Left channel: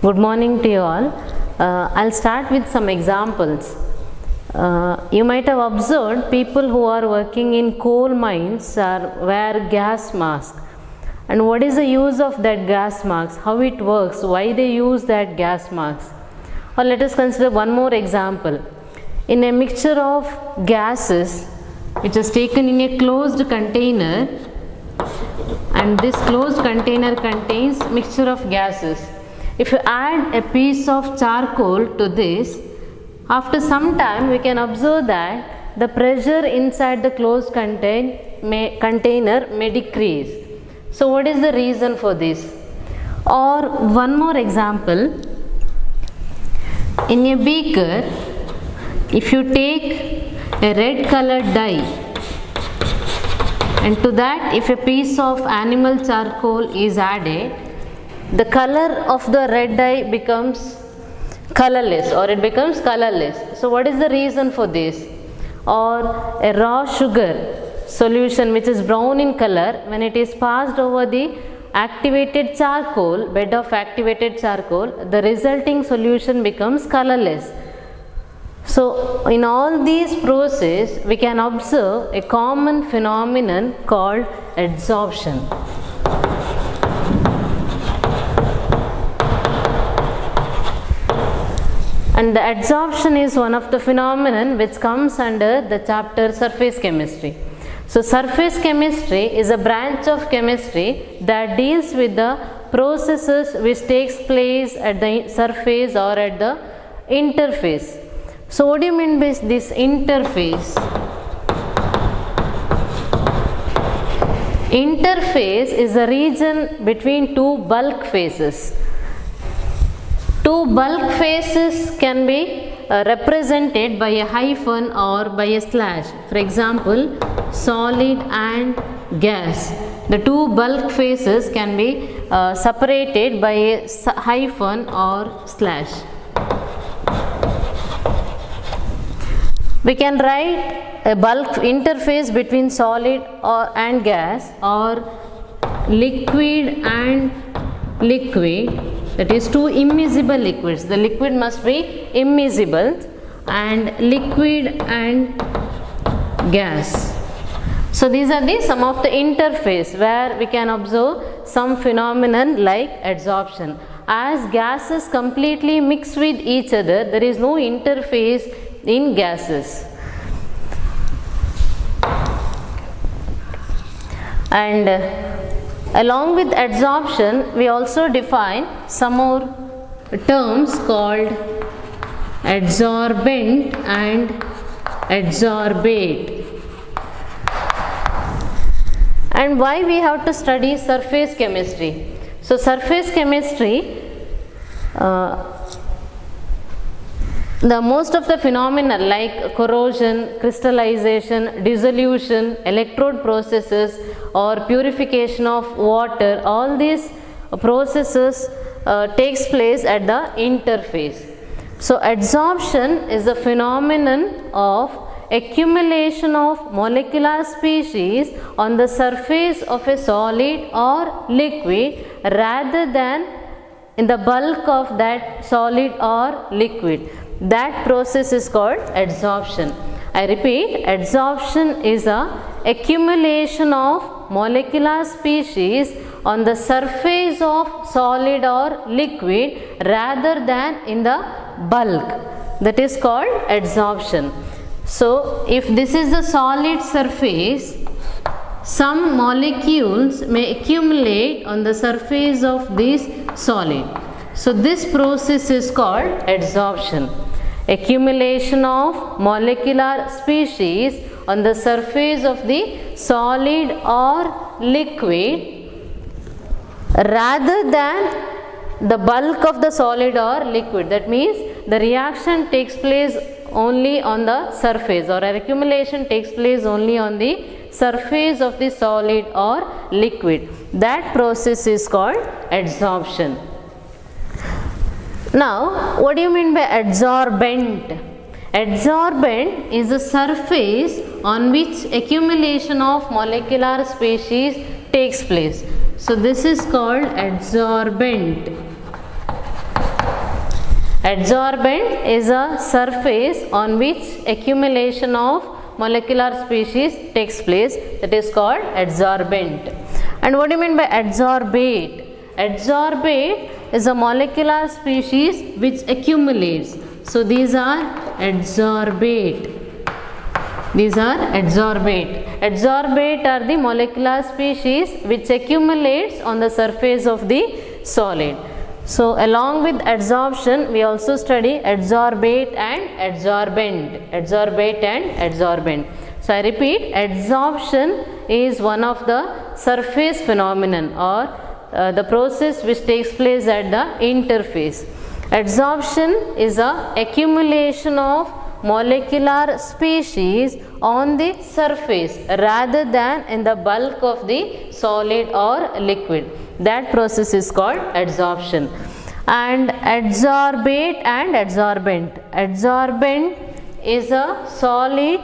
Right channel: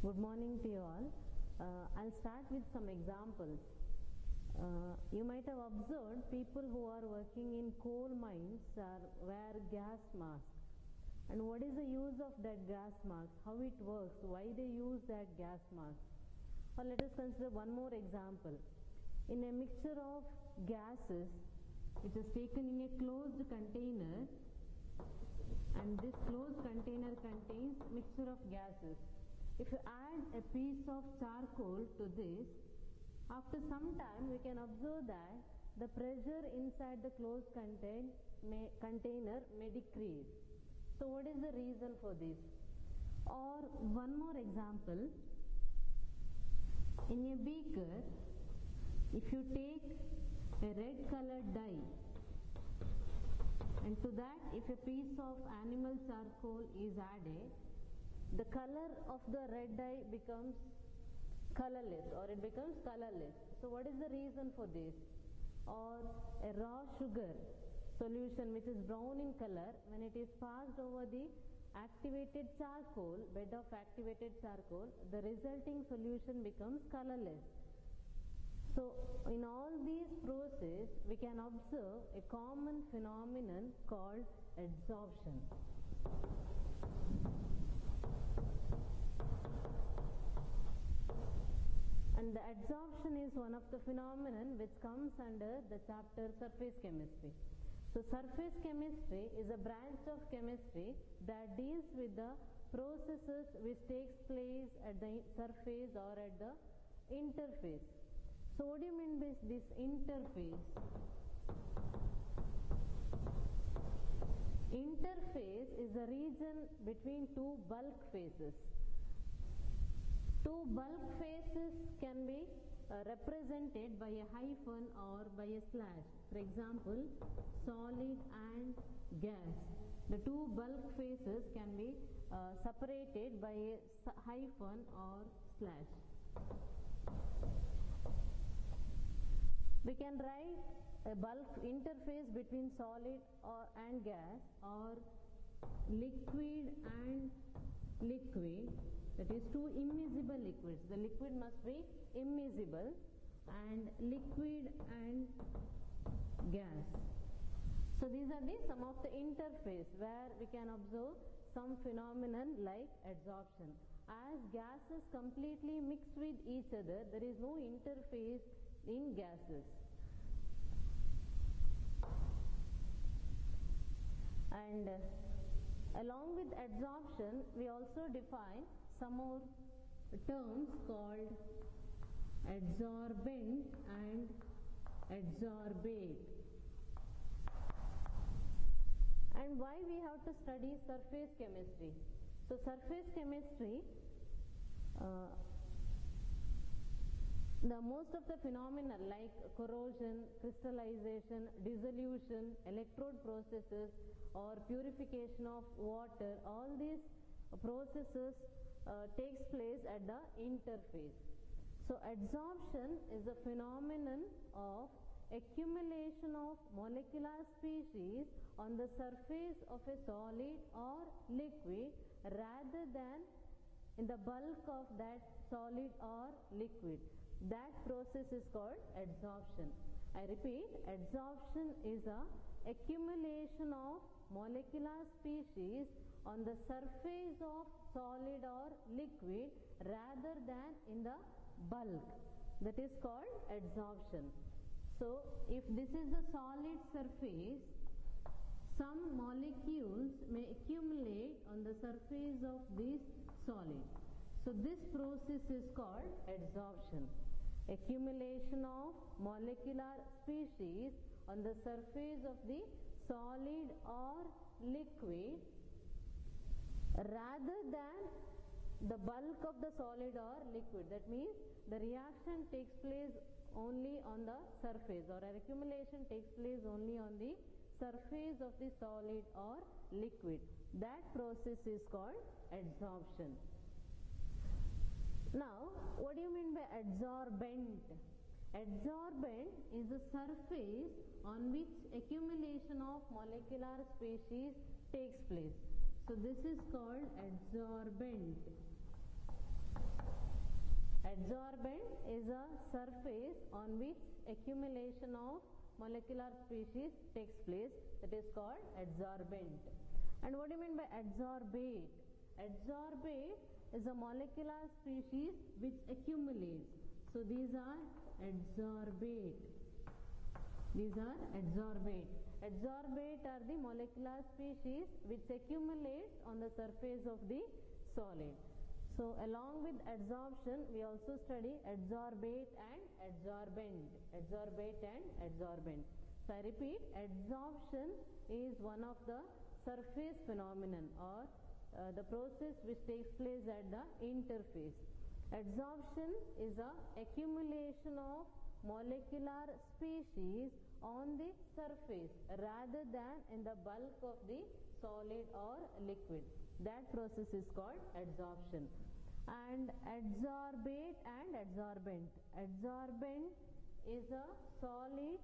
Good morning to you all. I'll start with some examples. You might have observed people who are working in coal mines wear gas mask. And what is the use of that gas mask? How it works? Why they use that gas mask? Or let us consider one more example. In a mixture of gases which is taken in a closed container, and this closed container contains mixture of gases. If you add a piece of charcoal to this, after some time we can observe that the pressure inside the closed container may decrease. So what is the reason for this? Or one more example, in a beaker, if you take a red colored dye and to that if a piece of animal charcoal is added, the color of the red dye becomes colorless, or it becomes colorless. So what is the reason for this? Or a raw sugar solution which is brown in color, when it is passed over the activated charcoal, bed of activated charcoal, the resulting solution becomes colorless. So in all these processes we can observe a common phenomenon called adsorption. And the adsorption is one of the phenomenon which comes under the chapter surface chemistry. So surface chemistry is a branch of chemistry that deals with the processes which takes place at the surface or at the interface. So what do you mean by this interface? Interface is a region between two bulk phases. Two bulk phases can be represented by a hyphen or by a slash. For example, solid and gas. The two bulk phases can be separated by a hyphen or slash. We can write a bulk interface between solid and gas, or liquid and liquid. That is two immiscible liquids. The liquid must be immiscible, and liquid and gas. So these are some of the interface where we can observe some phenomenon like adsorption. As gases completely mix with each other, there is no interface in gases. And along with adsorption, we also define some more terms called adsorbent and adsorbate. And why we have to study surface chemistry? So surface chemistry, the most of the phenomena like corrosion, crystallization, dissolution, electrode processes or purification of water, all these processes takes place at the interface. So adsorption is a phenomenon of accumulation of molecular species on the surface of a solid or liquid rather than in the bulk of that solid or liquid. That process is called adsorption. I repeat, adsorption is a accumulation of molecular species on the surface of solid or liquid rather than in the bulk. That is called adsorption. So if this is the solid surface, some molecules may accumulate on the surface of this solid. So this process is called adsorption. Accumulation of molecular species on the surface of the solid or liquid rather than the bulk of the solid or liquid. That means the reaction takes place only on the surface, or accumulation takes place only on the surface of the solid or liquid. That process is called adsorption. Now, what do you mean by adsorbent? Adsorbent is the surface on which accumulation of molecular species takes place. So this is called adsorbent. Adsorbent is a surface on which accumulation of molecular species takes place, that is called adsorbent. And what do you mean by adsorbate? Adsorbate is a molecular species which accumulates. So these are adsorbate. These are adsorbate. Adsorbate are the molecular species which accumulates on the surface of the solid. So along with adsorption, we also study adsorbate and adsorbent. Adsorbate and adsorbent. So I repeat, adsorption is one of the surface phenomenon or the process which takes place at the interface. Adsorption is a accumulation of molecular species on the surface rather than in the bulk of the solid or liquid. That process is called adsorption. And adsorbate and adsorbent. Adsorbent is a solid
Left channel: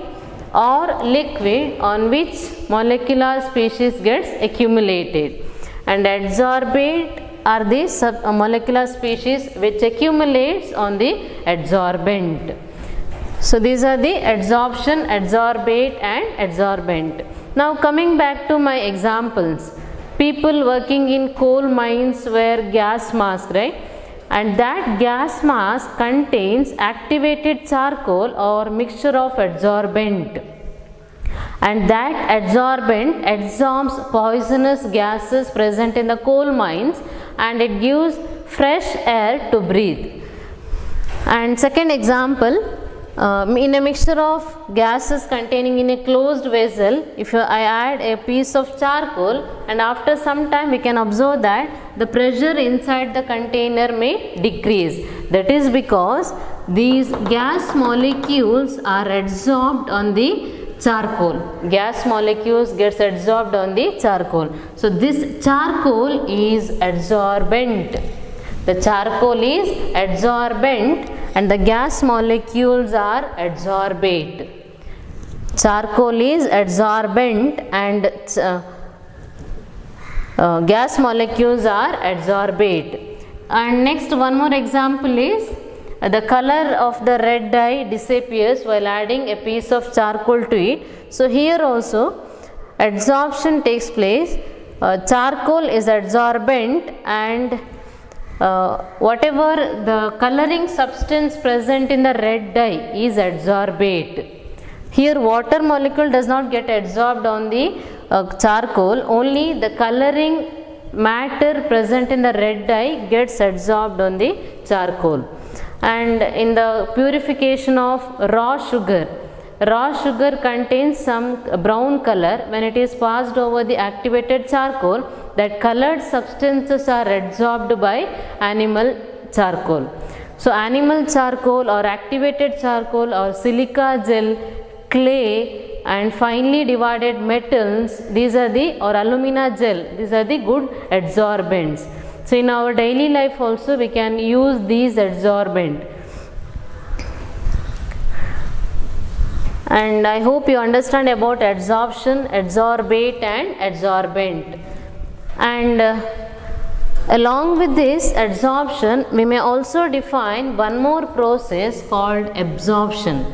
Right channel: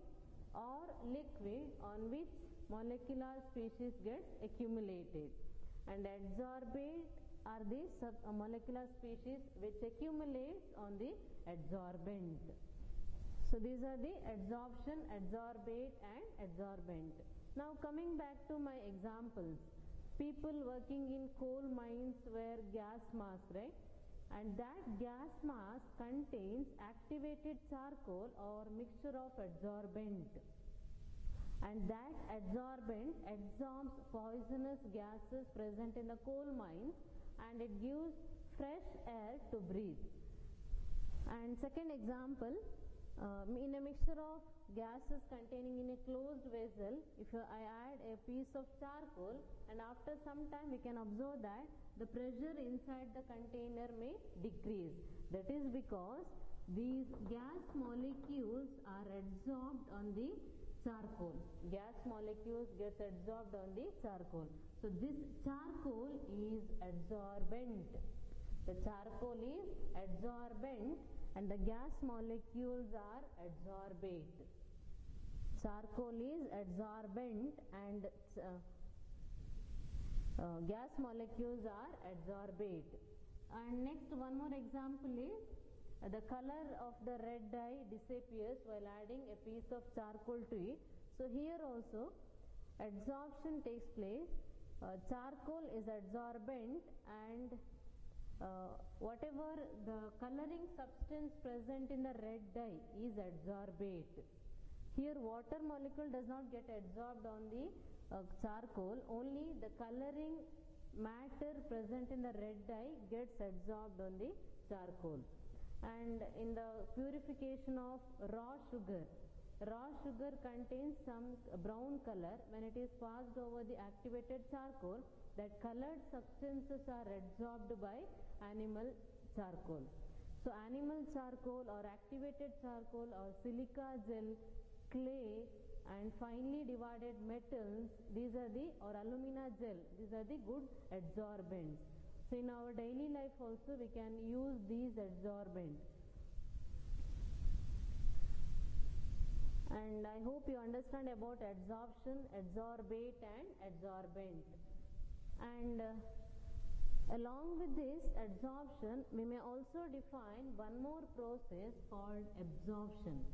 or liquid on which molecular species gets accumulated, and adsorbate are the molecular species which accumulates on the adsorbent. So these are the adsorption, adsorbate and adsorbent. Now coming back to my examples, people working in coal mines wear gas mask, right? And that gas mask contains activated charcoal or mixture of adsorbent. And that adsorbent absorbs poisonous gases present in the coal mines and it gives fresh air to breathe. And second example, in a mixture of gases containing in a closed vessel, if I add a piece of charcoal, and after some time we can observe that the pressure inside the container may decrease. That is because these gas molecules are adsorbed on the charcoal. Gas molecules gets adsorbed on the charcoal. So this charcoal is adsorbent. The charcoal is adsorbent and the gas molecules are adsorbate. Charcoal is adsorbent and gas molecules are adsorbate. And next one more example is the color of the red dye disappears while adding a piece of charcoal to it. So here also adsorption takes place. Charcoal is adsorbent and whatever the coloring substance present in the red dye is adsorbate. Here water molecule does not get adsorbed on the charcoal, only the coloring matter present in the red dye gets adsorbed on the charcoal. And in the purification of raw sugar contains some brown color. When it is passed over the activated charcoal, that colored substances are adsorbed by animal charcoal. So animal charcoal or activated charcoal or silica gel, clay and finely divided metals, these are the, or alumina gel, these are the good adsorbents. So in our daily life also we can use these adsorbent. And I hope you understand about adsorption, adsorbate and adsorbent. And along with this adsorption, we may also define one more process called absorption.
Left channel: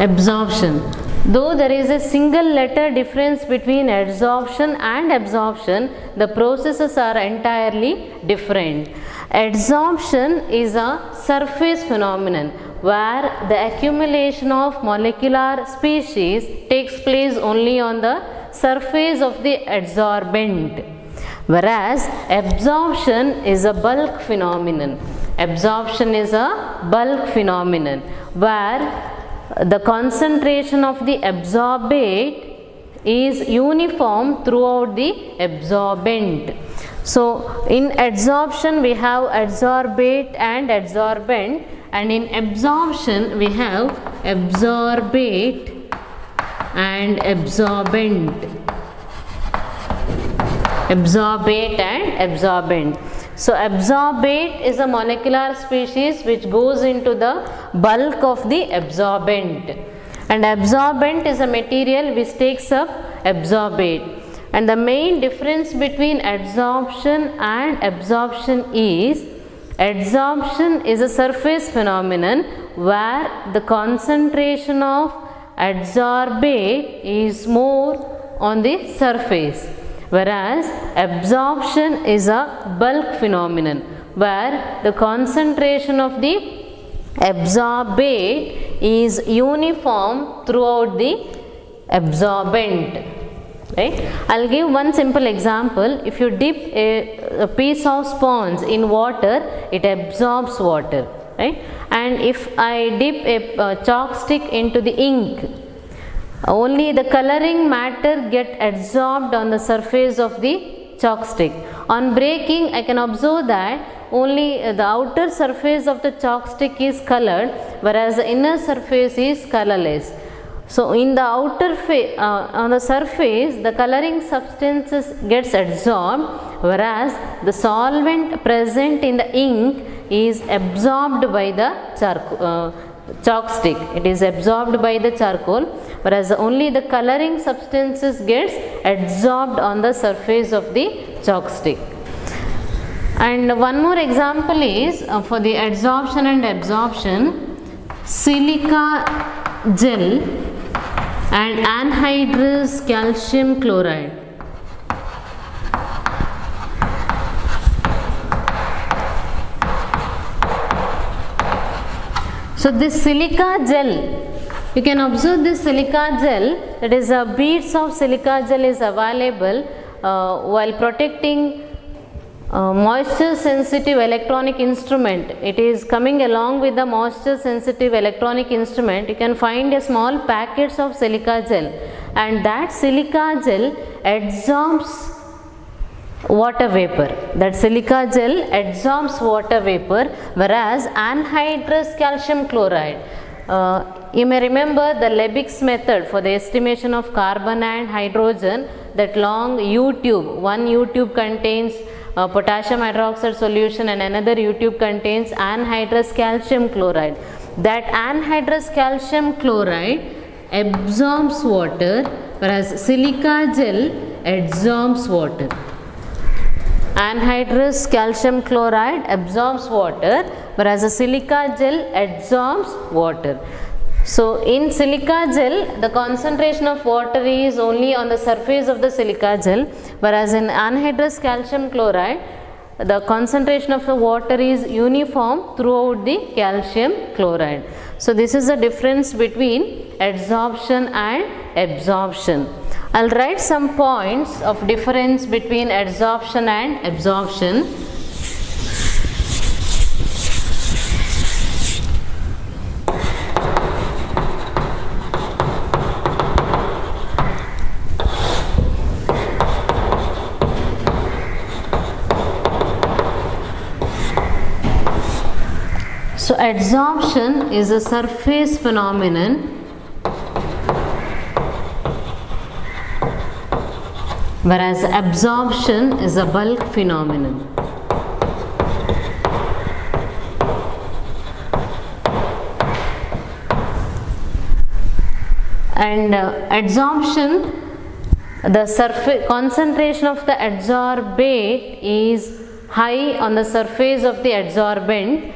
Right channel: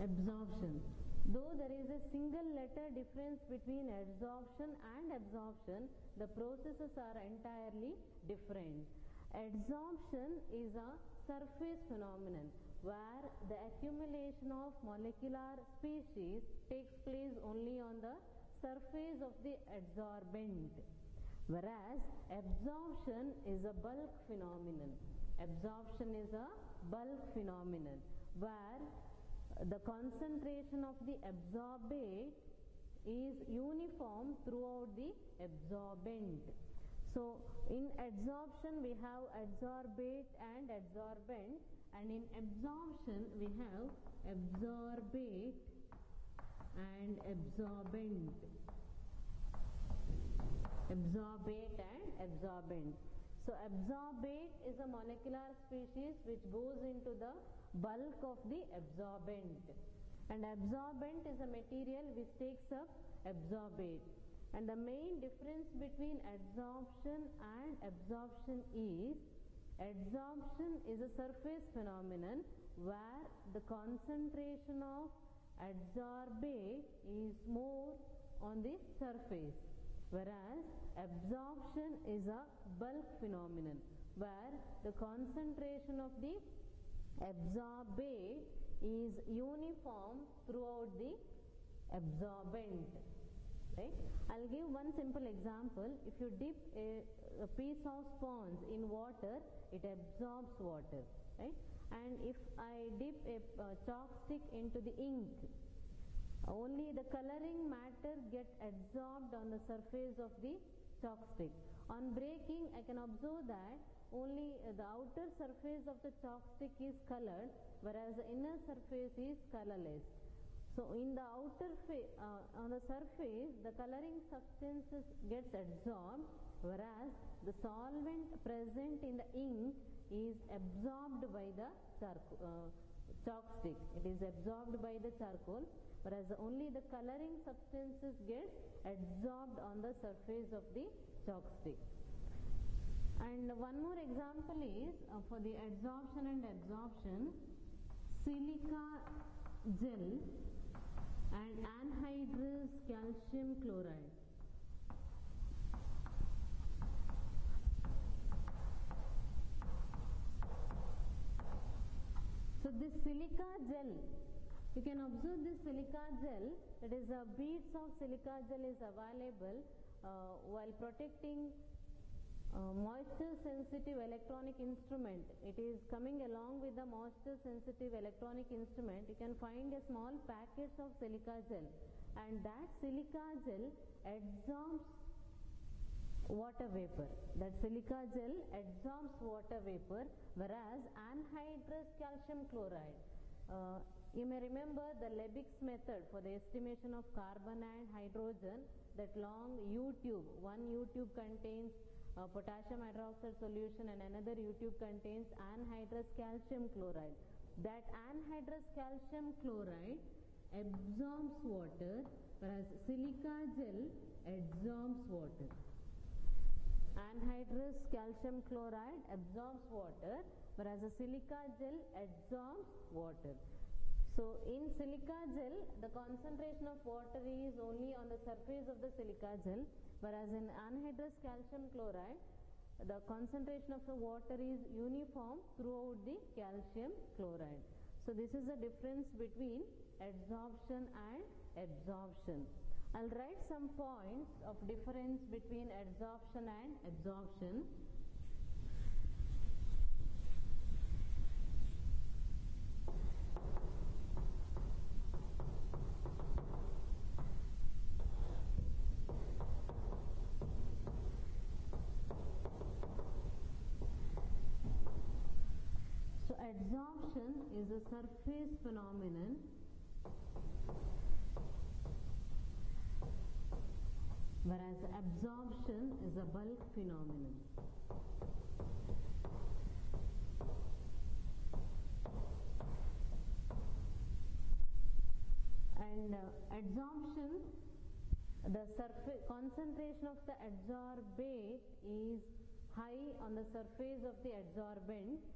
Absorption. Though there is a single letter difference between adsorption and absorption, the processes are entirely different. Adsorption is a surface phenomenon where the accumulation of molecular species takes place only on the surface of the adsorbent, whereas absorption is a bulk phenomenon. Absorption is a bulk phenomenon where the concentration of the absorbate is uniform throughout the absorbent. So in adsorption we have adsorbate and adsorbent, and in absorption we have absorbate and absorbent. Absorbate and absorbent. So absorbate is a molecular species which goes into the bulk of the absorbent, and absorbent is a material which takes up absorbate. And the main difference between adsorption and absorption is, adsorption is a surface phenomenon where the concentration of adsorbate is more on the surface, whereas absorption is a bulk phenomenon where the concentration of the absorbate is uniform throughout the absorbent. Right? I will give one simple example. If you dip a piece of sponge in water, it absorbs water. Right? And if I dip a chalk stick into the ink, only the coloring matter get adsorbed on the surface of the chalk stick. On breaking, I can observe that only the outer surface of the chalk stick is colored, whereas the inner surface is colorless. So in the outer on the surface, the coloring substances gets adsorbed, whereas the solvent present in the ink is absorbed by the chalk stick. It is absorbed by the charcoal, whereas only the coloring substances gets adsorbed on the surface of the chalk stick. And one more example is for the adsorption and absorption, silica gel and anhydrous calcium chloride. So this silica gel, you can observe this silica gel, that is beads of silica gel is available while protecting moisture sensitive electronic instrument. It is coming along with the moisture sensitive electronic instrument. You can find a small packets of silica gel, and that silica gel adsorbs water vapor. That silica gel adsorbs water vapor, whereas anhydrous calcium chloride, you may remember the Lebig's method for the estimation of carbon and hydrogen, that long U tube. One U tube contains potassium hydroxide solution and another U tube contains anhydrous calcium chloride. That anhydrous calcium chloride absorbs water, whereas silica gel adsorbs water. Anhydrous calcium chloride absorbs water, whereas the silica gel adsorbs water. So in silica gel, the concentration of water is only on the surface of the silica gel, whereas in anhydrous calcium chloride, the concentration of the water is uniform throughout the calcium chloride. So this is the difference between adsorption and absorption. I will write some points of difference between adsorption and absorption. So adsorption is a surface phenomenon whereas absorption is a bulk phenomenon. And adsorption, the surface concentration of the adsorbate is high on the surface of the adsorbent,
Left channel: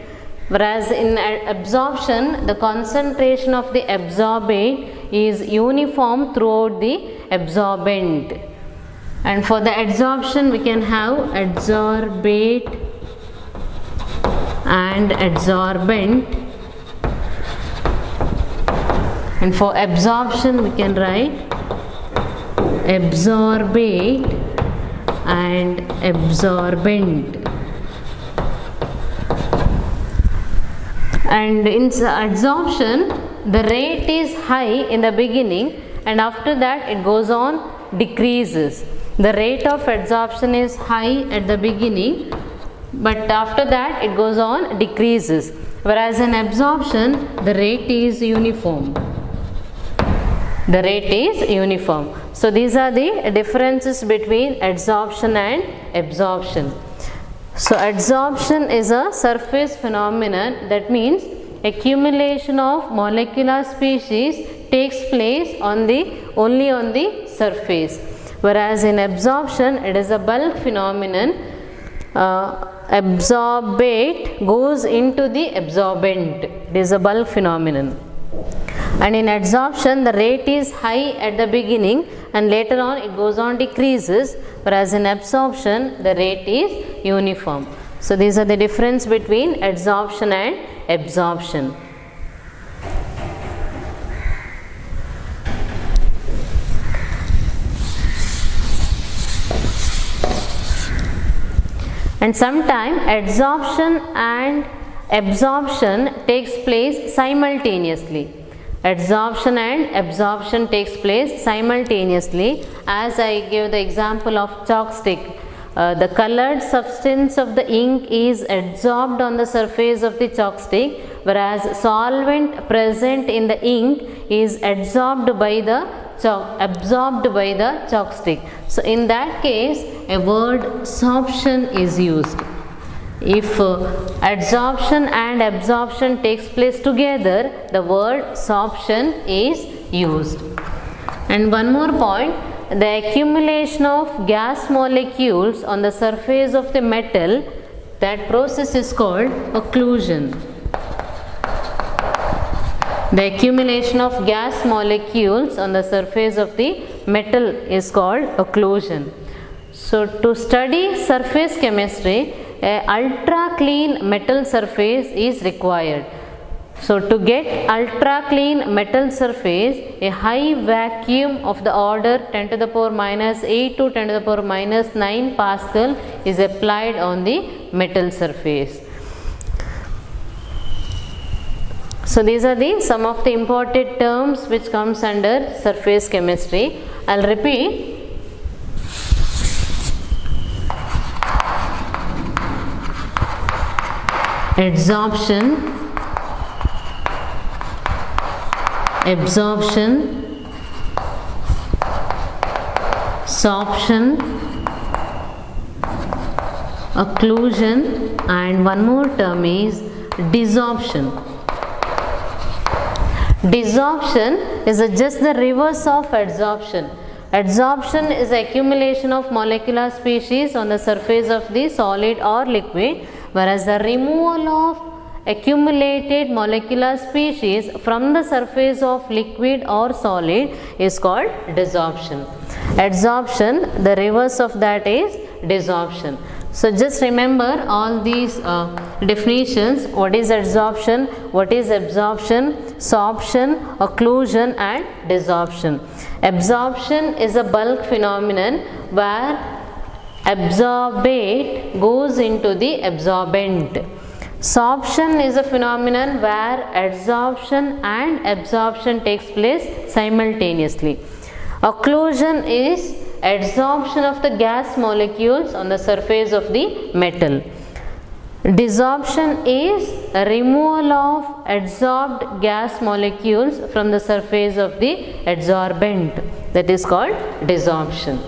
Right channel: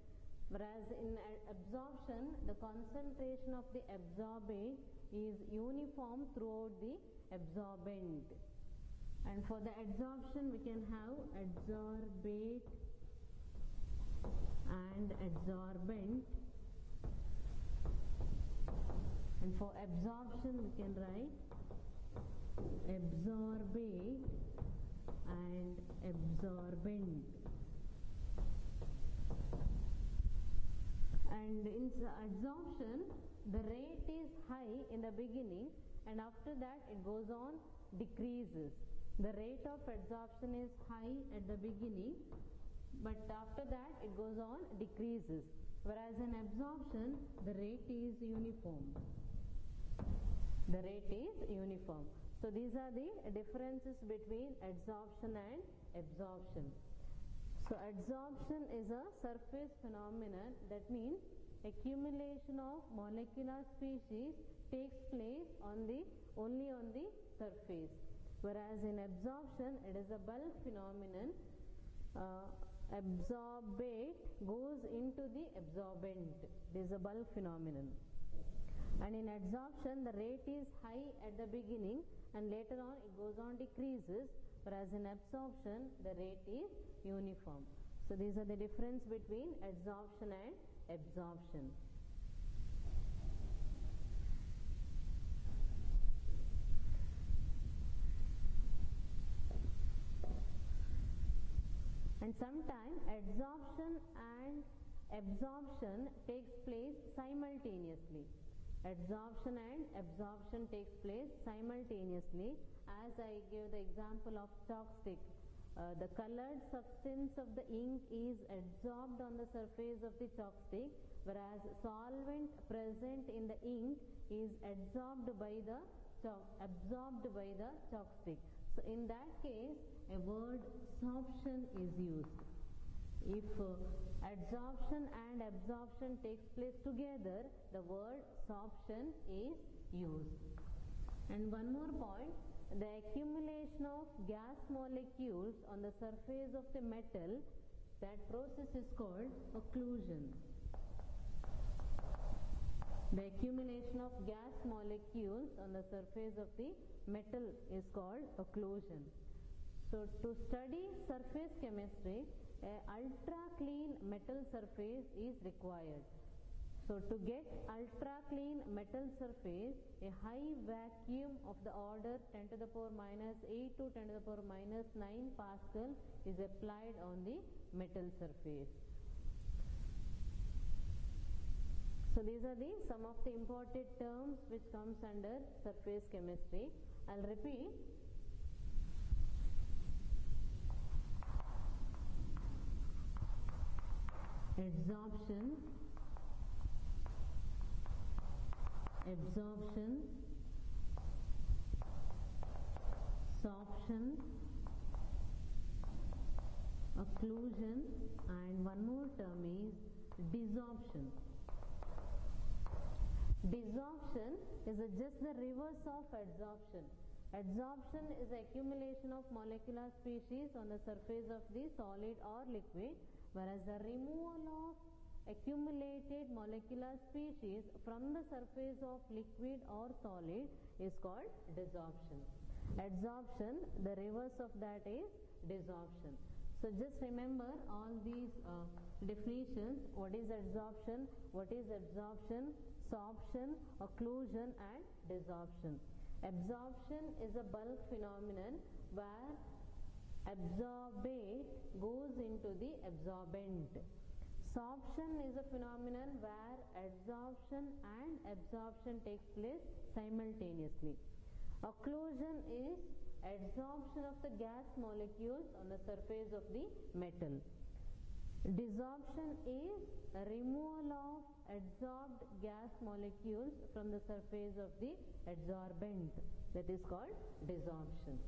whereas in absorption the concentration of the absorbate is uniform throughout the absorbent. And for the adsorption we can have adsorbate and adsorbent, and for absorption we can write absorbate and absorbent. And in adsorption the rate is high in the beginning and after that it goes on decreases. The rate of adsorption is high at the beginning, but after that it goes on decreases, whereas in absorption the rate is uniform. The rate is uniform. So these are the differences between adsorption and absorption. So adsorption is a surface phenomenon, that means accumulation of molecular species takes place only on the surface, whereas in absorption it is a bulk phenomenon. Absorbate goes into the absorbent. It is a bulk phenomenon. And in adsorption the rate is high at the beginning and later on it goes on decreases, whereas in absorption the rate is uniform. So these are the difference between adsorption and absorption. And sometimes adsorption and absorption takes place simultaneously. Adsorption and absorption takes place simultaneously, as I gave the example of chalk stick. The colored substance of the ink is adsorbed on the surface of the chalk stick, whereas solvent present in the ink is adsorbed by the chalk stick. So in that case a word sorption is used. If adsorption and absorption takes place together, the word sorption is used. And one more point, the accumulation of gas molecules on the surface of the metal, that process is called occlusion. The accumulation of gas molecules on the surface of the metal is called occlusion. So to study surface chemistry, an ultra clean metal surface is required. So to get ultra clean metal surface, a high vacuum of the order 10 to the power minus 8 to 10 to the power minus 9 Pascal is applied on the metal surface. So these are some of the important terms which comes under surface chemistry. I'll repeat. Adsorption, absorption, sorption, occlusion, and one more term is desorption. Desorption is just the reverse of adsorption. Adsorption is the accumulation of molecular species on the surface of the solid or liquid, whereas the removal of accumulated molecular species from the surface of liquid or solid is called desorption. Adsorption, the reverse of that is desorption. So just remember all these definitions: what is adsorption, what is absorption, sorption, occlusion and desorption. Absorption is a bulk phenomenon where absorbate goes into the absorbent. Sorption is a phenomenon where adsorption and absorption takes place simultaneously. Occlusion is adsorption of the gas molecules on the surface of the metal. Desorption is a removal of adsorbed gas molecules from the surface of the adsorbent, that is called desorption.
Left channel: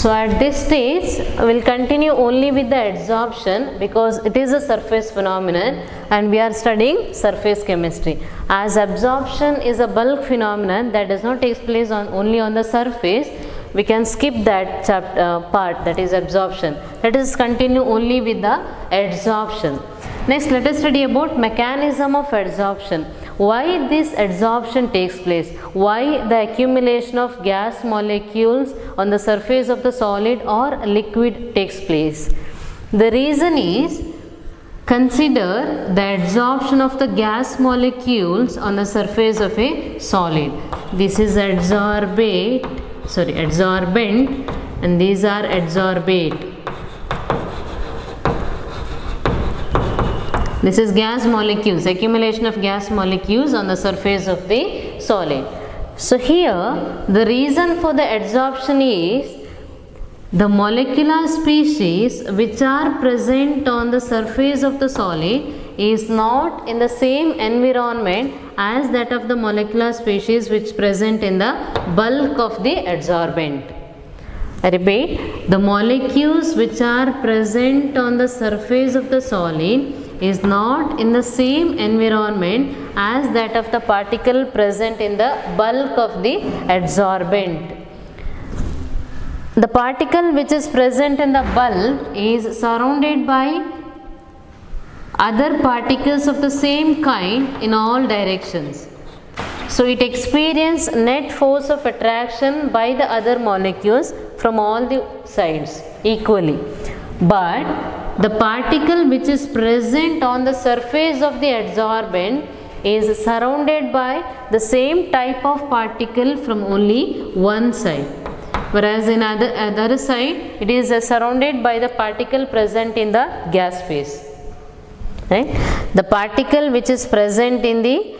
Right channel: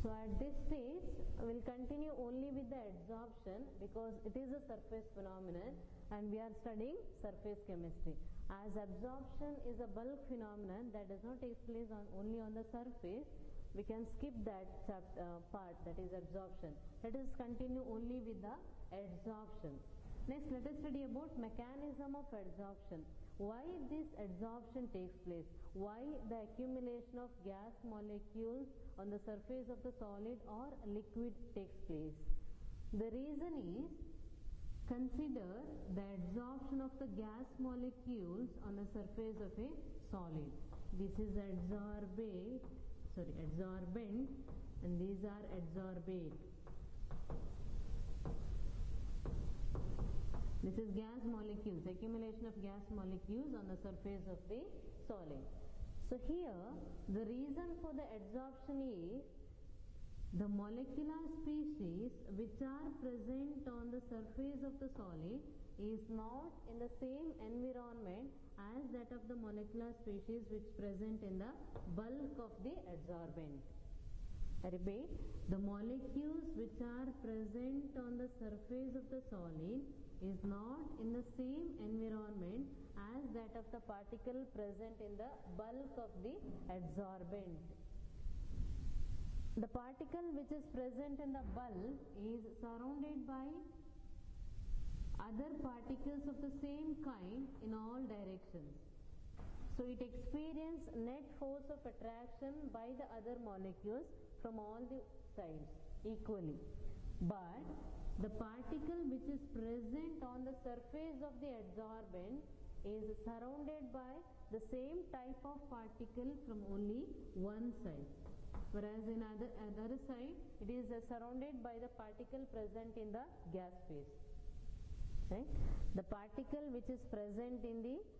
So at this stage we will continue only with the adsorption because it is a surface phenomenon and we are studying surface chemistry. As absorption is a bulk phenomenon that does not take place only on the surface, we can skip that part, that is absorption. Let us continue only with the adsorption. Next, let us study about mechanism of adsorption. Why this adsorption takes place? Why the accumulation of gas molecules on the surface of the solid or liquid takes place? The reason is, consider the adsorption of the gas molecules on the surface of a solid. This is adsorbent and these are adsorbate. This is gas molecules, accumulation of gas molecules on the surface of the solid. So here the reason for the adsorption is the molecular species which are present on the surface of the solid is not in the same environment as that of the molecular species which present in the bulk of the adsorbent. I repeat, the molecules which are present on the surface of the solid is not in the same environment as that of the particle present in the bulk of the adsorbent. The particle which is present in the bulk is surrounded by other particles of the same kind in all directions. So it experiences net force of attraction by the other molecules from all the sides equally. But the particle which is present on the surface of the adsorbent is surrounded by the same type of particle from only one side. Whereas in other side it is surrounded by the particle present in the gas phase. Right? The particle which is present in the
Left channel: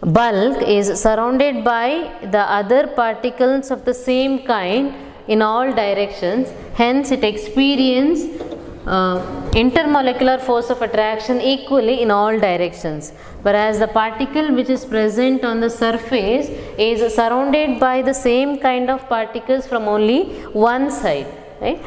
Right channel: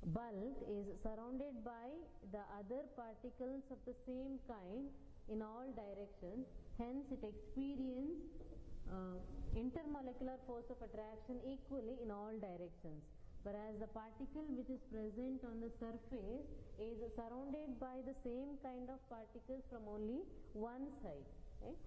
bulk is surrounded by the other particles of the same kind in all directions. Hence it experiences intermolecular force of attraction equally in all directions. Whereas the particle which is present on the surface is surrounded by the same kind of particles from only one side. Right?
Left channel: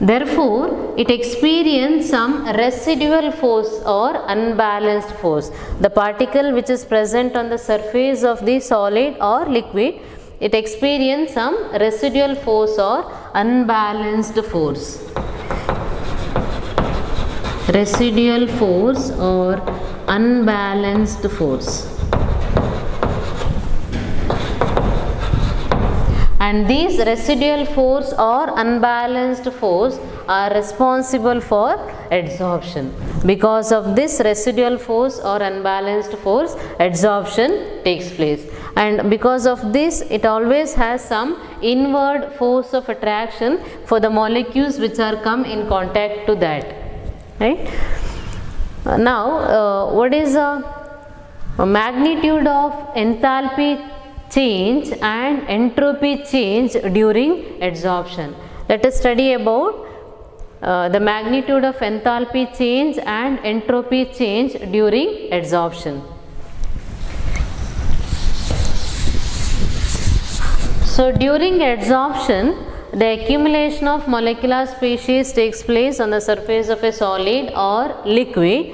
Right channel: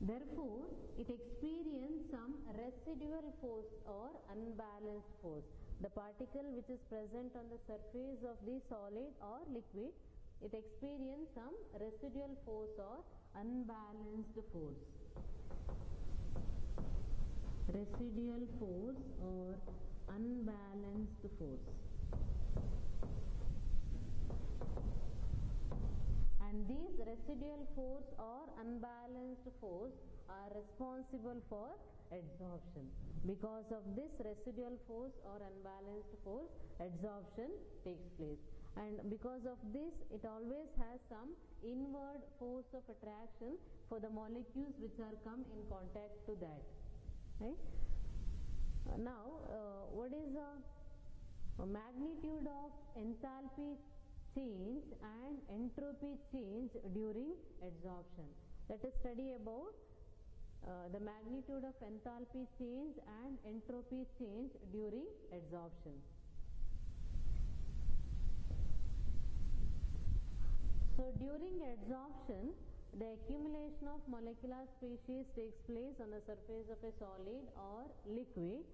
Therefore, it experiences some residual force or unbalanced force. The particle which is present on the surface of the solid or liquid, it experiences some residual force or unbalanced force. Residual force or unbalanced force. And these residual force or unbalanced force are responsible for adsorption. Because of this residual force or unbalanced force, adsorption takes place. And because of this, it always has some inward force of attraction for the molecules which are come in contact to that. Right? Now, what is a magnitude of enthalpy change and entropy change during adsorption? Let us study about the magnitude of enthalpy change and entropy change during adsorption. So during adsorption, the accumulation of molecular species takes place on the surface of a solid or liquid,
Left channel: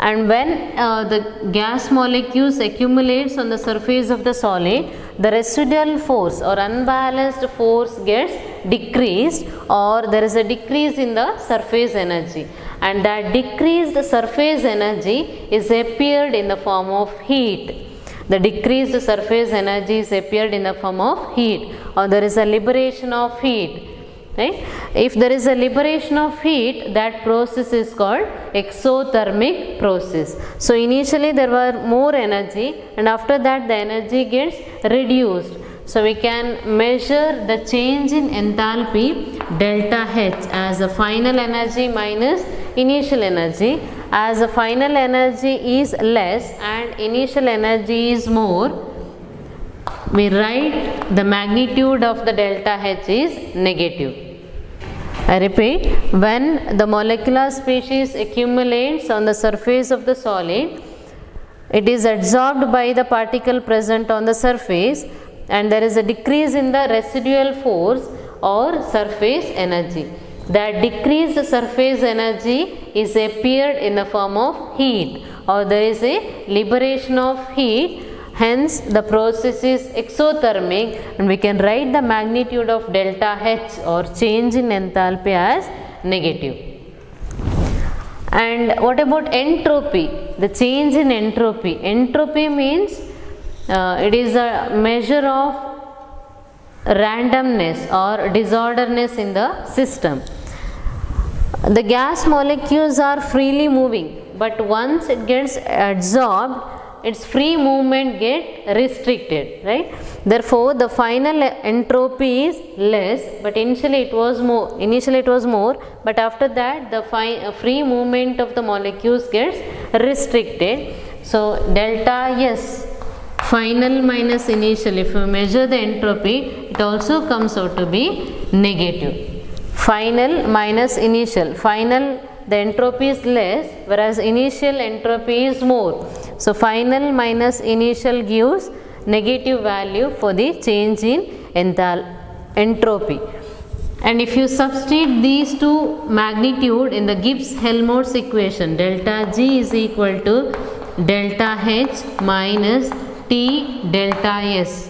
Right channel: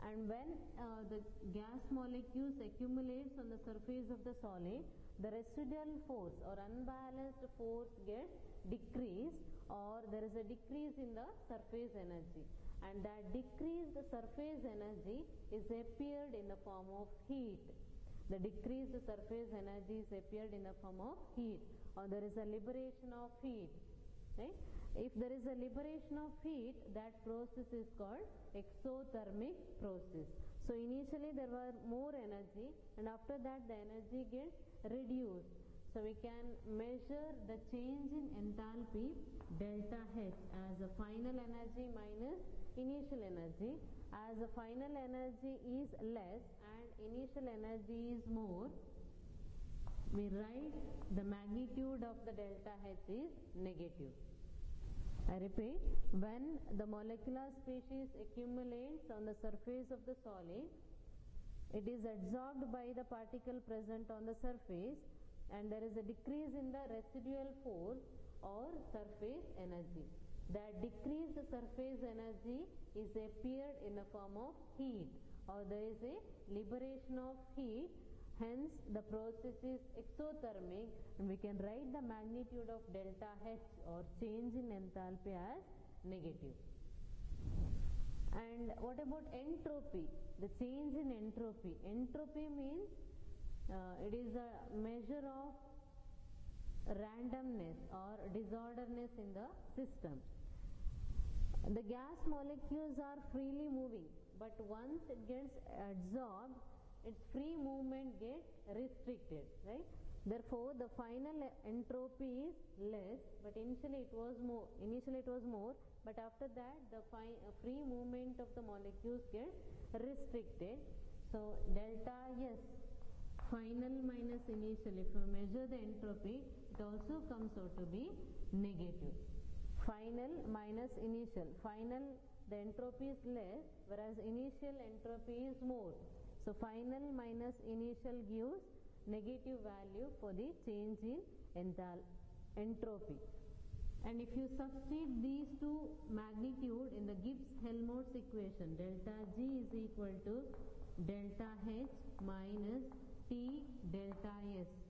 and when the gas molecules accumulates on the surface of the solid, the residual force or unbalanced force gets decreased, or there is a decrease in the surface energy, and that decreased surface energy is appeared in the form of heat. The decreased surface energy is appeared in the form of heat, or there is a liberation of heat. Right? If there is a liberation of heat, that process is called exothermic process. So initially there were more energy, and after that the energy gets reduced. So we can measure the change in enthalpy delta H as the final energy minus initial energy. As the final energy is less and initial energy is more, we write the magnitude of the delta H is negative. I repeat, when the molecular species accumulates on the surface of the solid, it is adsorbed by the particle present on the surface, and there is a decrease in the residual force or surface energy. That decreased surface energy is appeared in the form of heat, or there is a liberation of heat. Hence the process is exothermic, and we can write the magnitude of delta H or change in enthalpy as negative. And what about entropy? The change in entropy. Entropy means it is a measure of randomness or disorderness in the system. The gas molecules are freely moving, but once it gets adsorbed, its free movement get restricted, right? Therefore, the final entropy is less, but initially it was more, but after that the free movement of the molecules gets restricted. So delta S, final minus initial, if you measure the entropy, it also comes out to be negative. Final minus initial, final the entropy is less, whereas initial entropy is more. So final minus initial gives negative value for the change in entropy. And if you substitute these two magnitude in the Gibbs-Helmholtz equation, delta G is equal to delta H minus T delta S,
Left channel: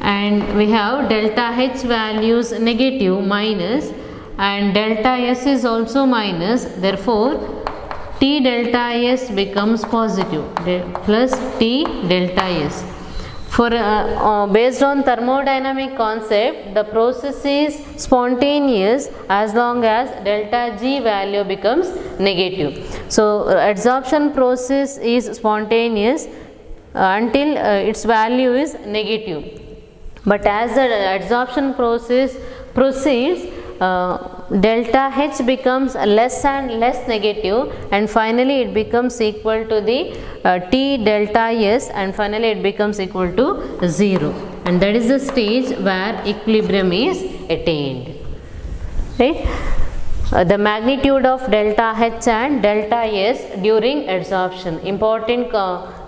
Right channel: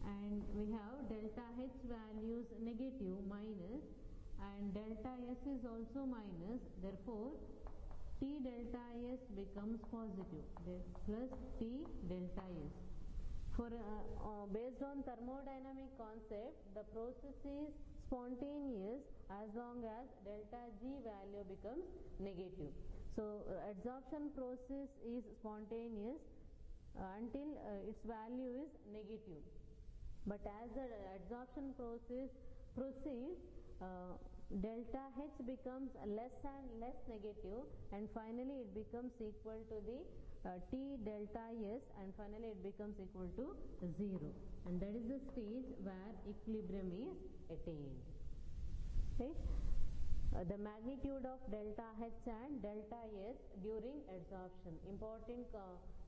and we have delta H values negative minus, and delta S is also minus, therefore T delta S becomes positive, plus T delta S. For based on thermodynamic concept, the process is spontaneous as long as delta G value becomes negative. So adsorption process is spontaneous until its value is negative, but as the adsorption process proceeds, delta H becomes less and less negative, and finally it becomes equal to the T delta S, and finally it becomes equal to 0, and that is the stage where equilibrium is attained, right? The magnitude of delta H and delta S during adsorption. Important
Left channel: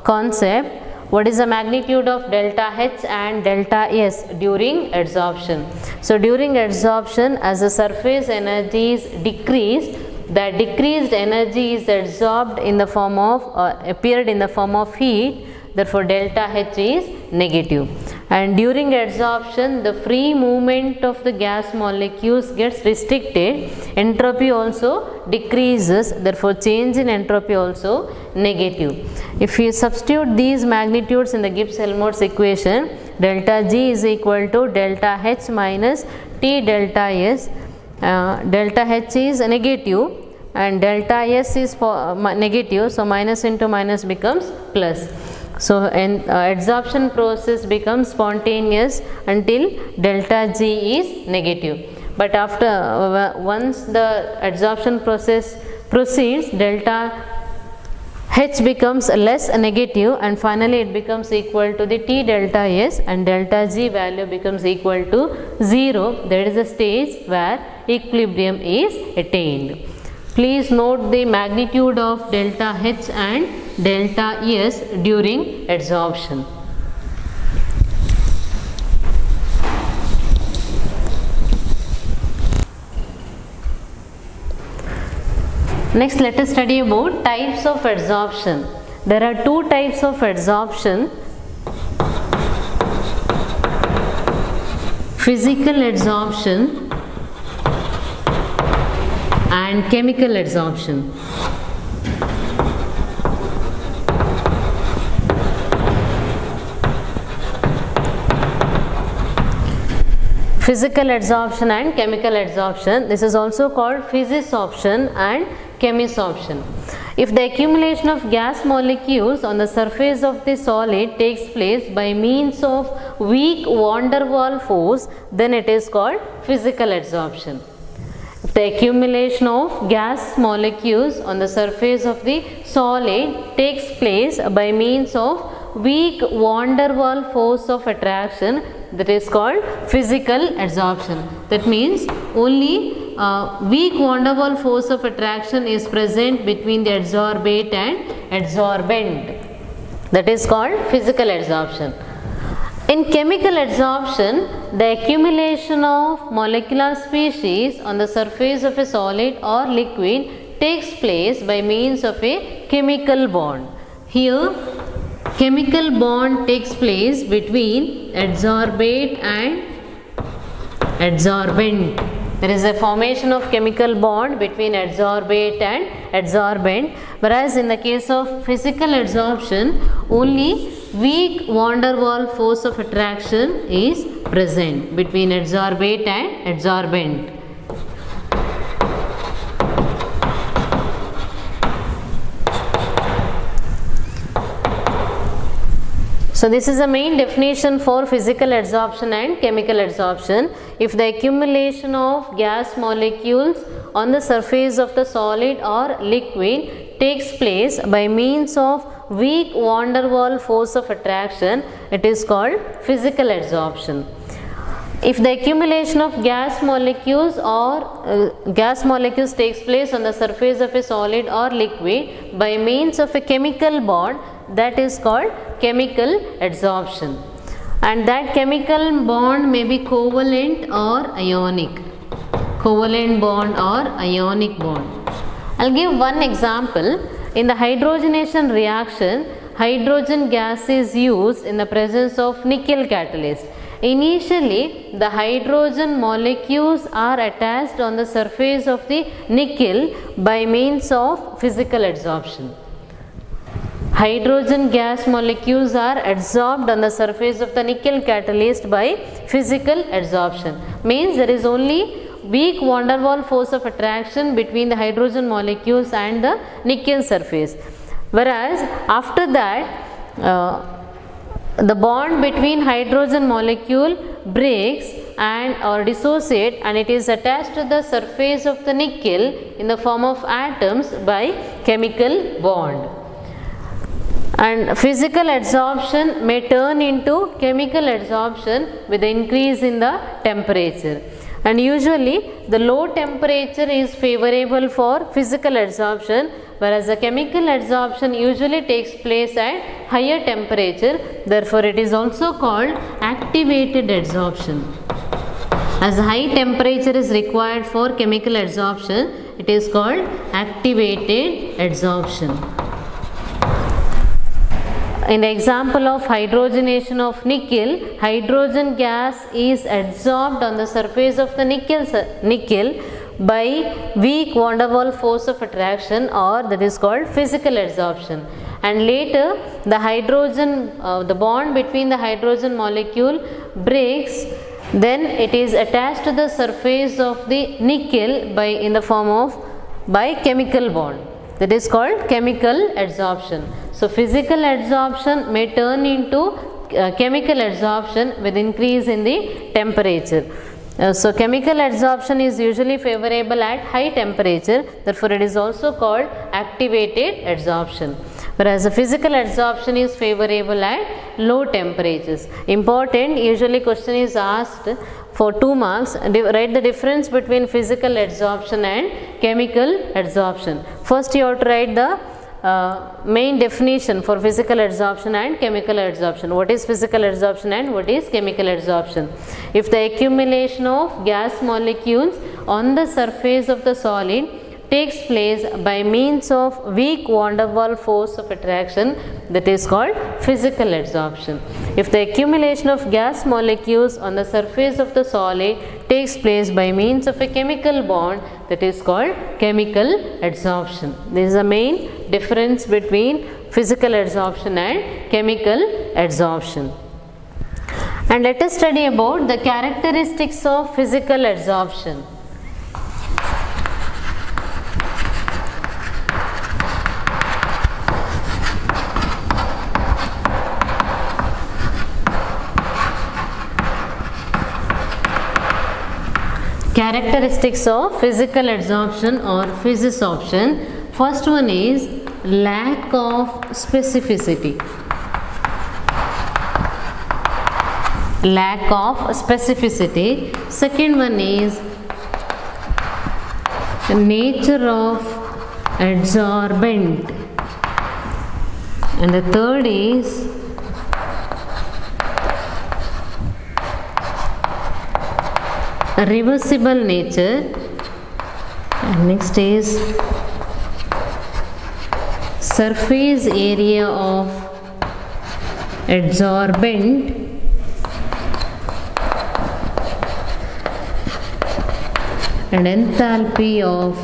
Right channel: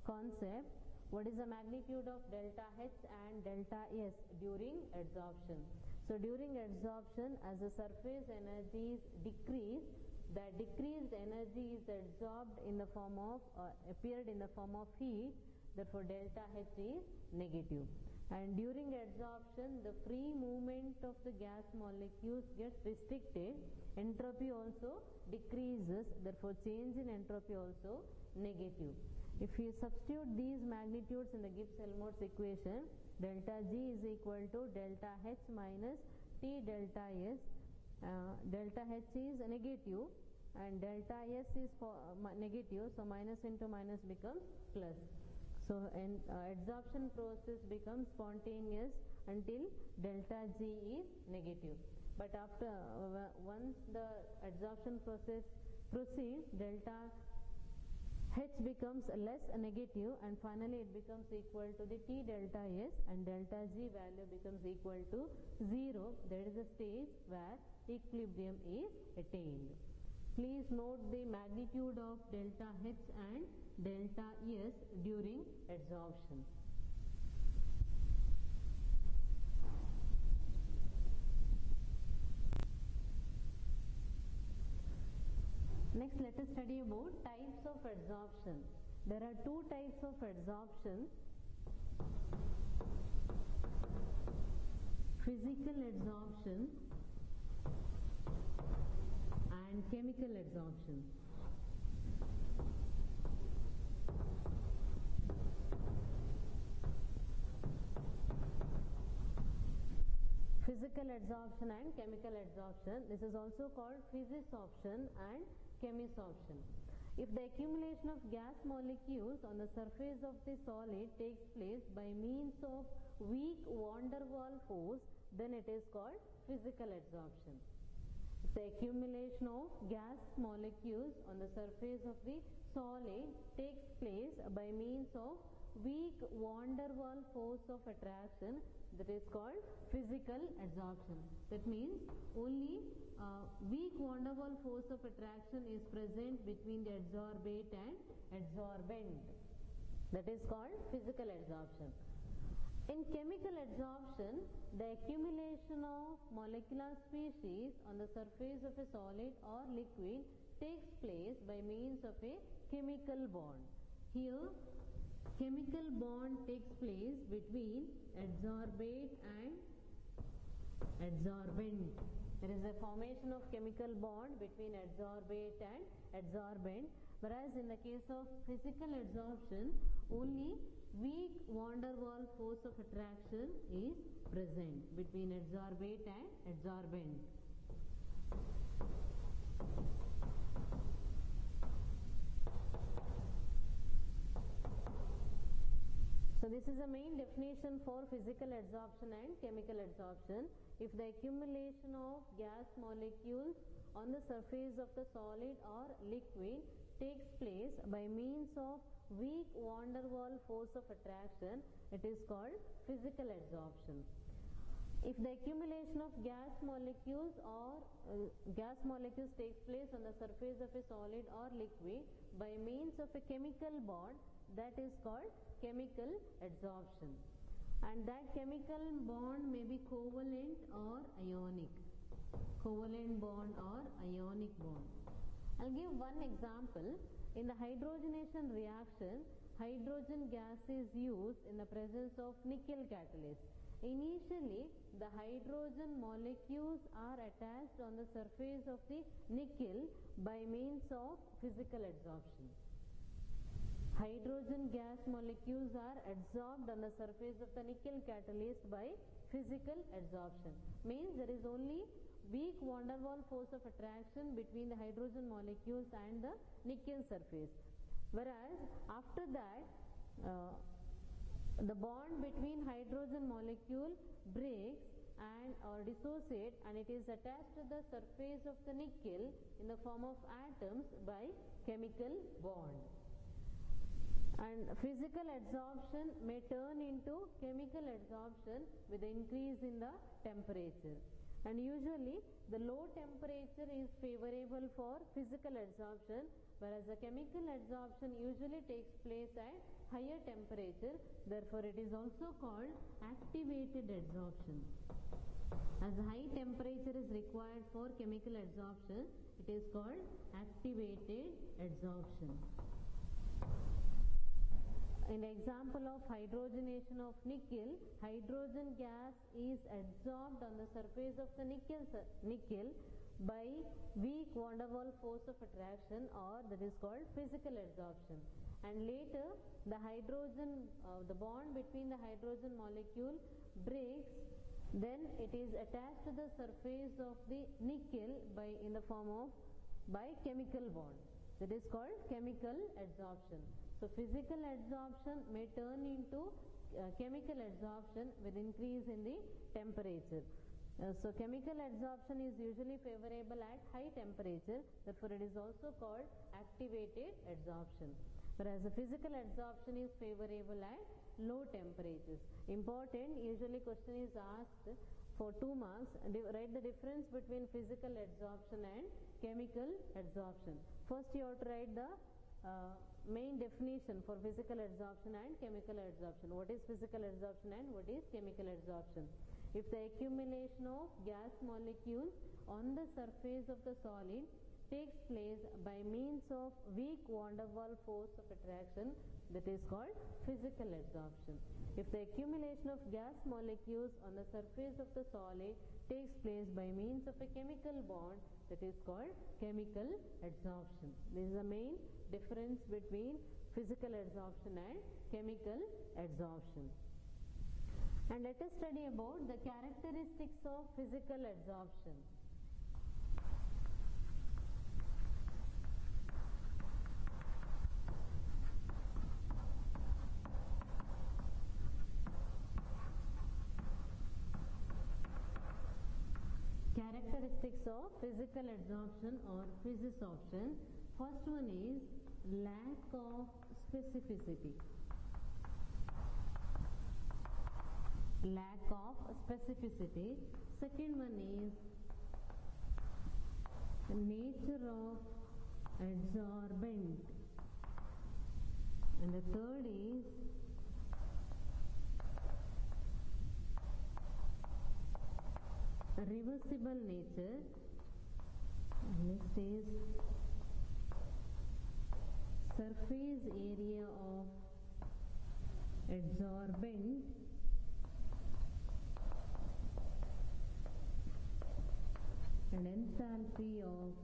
concept. What is the magnitude of delta H and delta S during adsorption? So during adsorption, as the surface energy is decreased, the decreased energy is absorbed in the form of appeared in the form of heat. Therefore delta H is negative, and during adsorption the free movement of the gas molecules gets restricted, entropy also decreases, therefore change in entropy also negative. If you substitute these magnitudes in the Gibbs-Helmholtz equation, delta G is equal to delta H minus T delta S. Delta H is negative and delta S is negative, so minus into minus becomes plus. So adsorption process becomes spontaneous until delta G is negative, but after once the adsorption process proceeds, delta H becomes less negative, and finally it becomes equal to the T delta S, and delta G value becomes equal to 0. That is the stage where equilibrium is attained. Please note the magnitude of delta H and delta S during adsorption. Next, let us study about types of adsorption. There are two types of adsorption: physical adsorption and chemical adsorption. Physical adsorption and chemical adsorption. This is also called physisorption and chemisorption. If the accumulation of gas molecules on the surface of the solid takes place by means of weak van der Waals force, then it is called physical adsorption. If the accumulation of gas molecules on the surface of the solid takes place by means of weak van der Waals force of attraction, that is called physical adsorption. That means only weak van der Waals force of attraction is present between the adsorbate and adsorbent. That is called physical adsorption. In chemical adsorption, the accumulation of molecular species on the surface of a solid or liquid takes place by means of a chemical bond. Here, chemical bond takes place between adsorbate and adsorbent. There is a formation of chemical bond between adsorbate and adsorbent, whereas in the case of physical adsorption, only weak van der Waals force of attraction is present between adsorbate and adsorbent. So this is the main definition for physical adsorption and chemical adsorption. If the accumulation of gas molecules on the surface of the solid or liquid takes place by means of weak van der Waals force of attraction, it is called physical adsorption. If the accumulation of gas molecules takes place on the surface of a solid or liquid by means of a chemical bond, that is called chemical adsorption, and that chemical bond may be covalent or ionic. Covalent bond or ionic bond. I will give one example. In the hydrogenation reaction, hydrogen gas is used in the presence of nickel catalyst. Initially, the hydrogen molecules are attached on the surface of the nickel by means of physical adsorption. Hydrogen gas molecules are adsorbed on the surface of the nickel catalyst by physical adsorption. Means there is only weak van der Waals force of attraction between the hydrogen molecules and the nickel surface. Whereas after that, the bond between hydrogen molecule breaks and or dissociate, and it is attached to the surface of the nickel in the form of atoms by chemical bond. And physical adsorption may turn into chemical adsorption with the increase in the temperature. And usually the low temperature is favorable for physical adsorption, whereas the chemical adsorption usually takes place at higher temperature. Therefore, it is also called activated adsorption. As high temperature is required for chemical adsorption, it is called activated adsorption. In the example of hydrogenation of nickel, hydrogen gas is adsorbed on the surface of the nickel by weak van der Waals force of attraction, or that is called physical adsorption. And later the hydrogen, the bond between the hydrogen molecule breaks, then it is attached to the surface of the nickel in the form of chemical bond. That is called chemical adsorption. So physical adsorption may turn into chemical adsorption with increase in the temperature. So chemical adsorption is usually favorable at high temperature, therefore it is also called activated adsorption. Whereas the physical adsorption is favorable at low temperatures. Important, usually question is asked for 2 marks, write the difference between physical adsorption and chemical adsorption. First you have to write the main definition for physical adsorption and chemical adsorption. What is physical adsorption and what is chemical adsorption? If the accumulation of gas molecules on the surface of the solid takes place by means of weak van der Waals force of attraction, that is called physical adsorption. If the accumulation of gas molecules on the surface of the solid takes place by means of a chemical bond, that is called chemical adsorption. This is the main difference between physical adsorption and chemical adsorption. And let us study about the characteristics of physical adsorption. Characteristics of physical adsorption or physisorption. First one is lack of specificity. Lack of specificity. Second one is the nature of adsorbent. And the third is reversible nature, and next is surface area of adsorbent and enthalpy of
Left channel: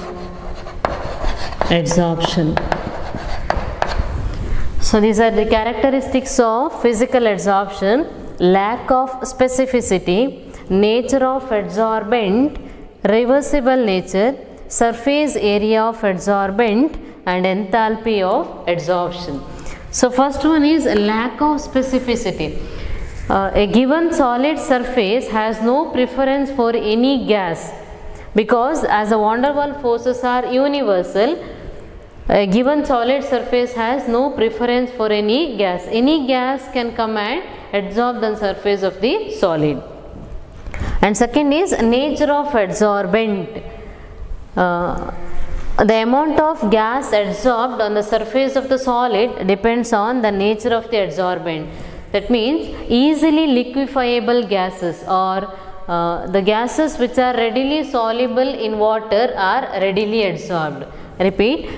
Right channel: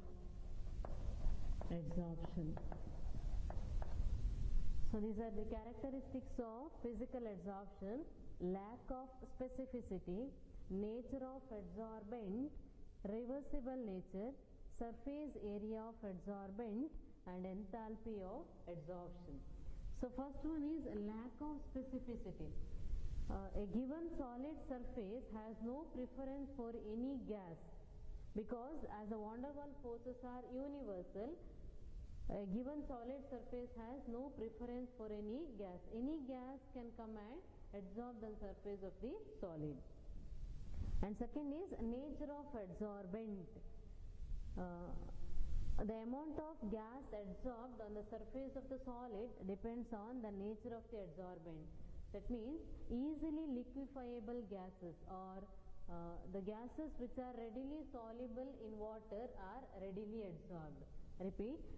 adsorption. So these are the characteristics of physical adsorption: lack of specificity, nature of adsorbent, reversible nature, surface area of adsorbent and enthalpy of adsorption. So first one is lack of specificity. A given solid surface has no preference for any gas, because as the van der Waals forces are universal, a given solid surface has no preference for any gas. Any gas can come and adsorb the surface of the solid. And second is nature of adsorbent. The amount of gas adsorbed on the surface of the solid depends on the nature of the adsorbent. That means easily liquefiable gases, or the gases which are readily soluble in water are readily adsorbed. Repeat,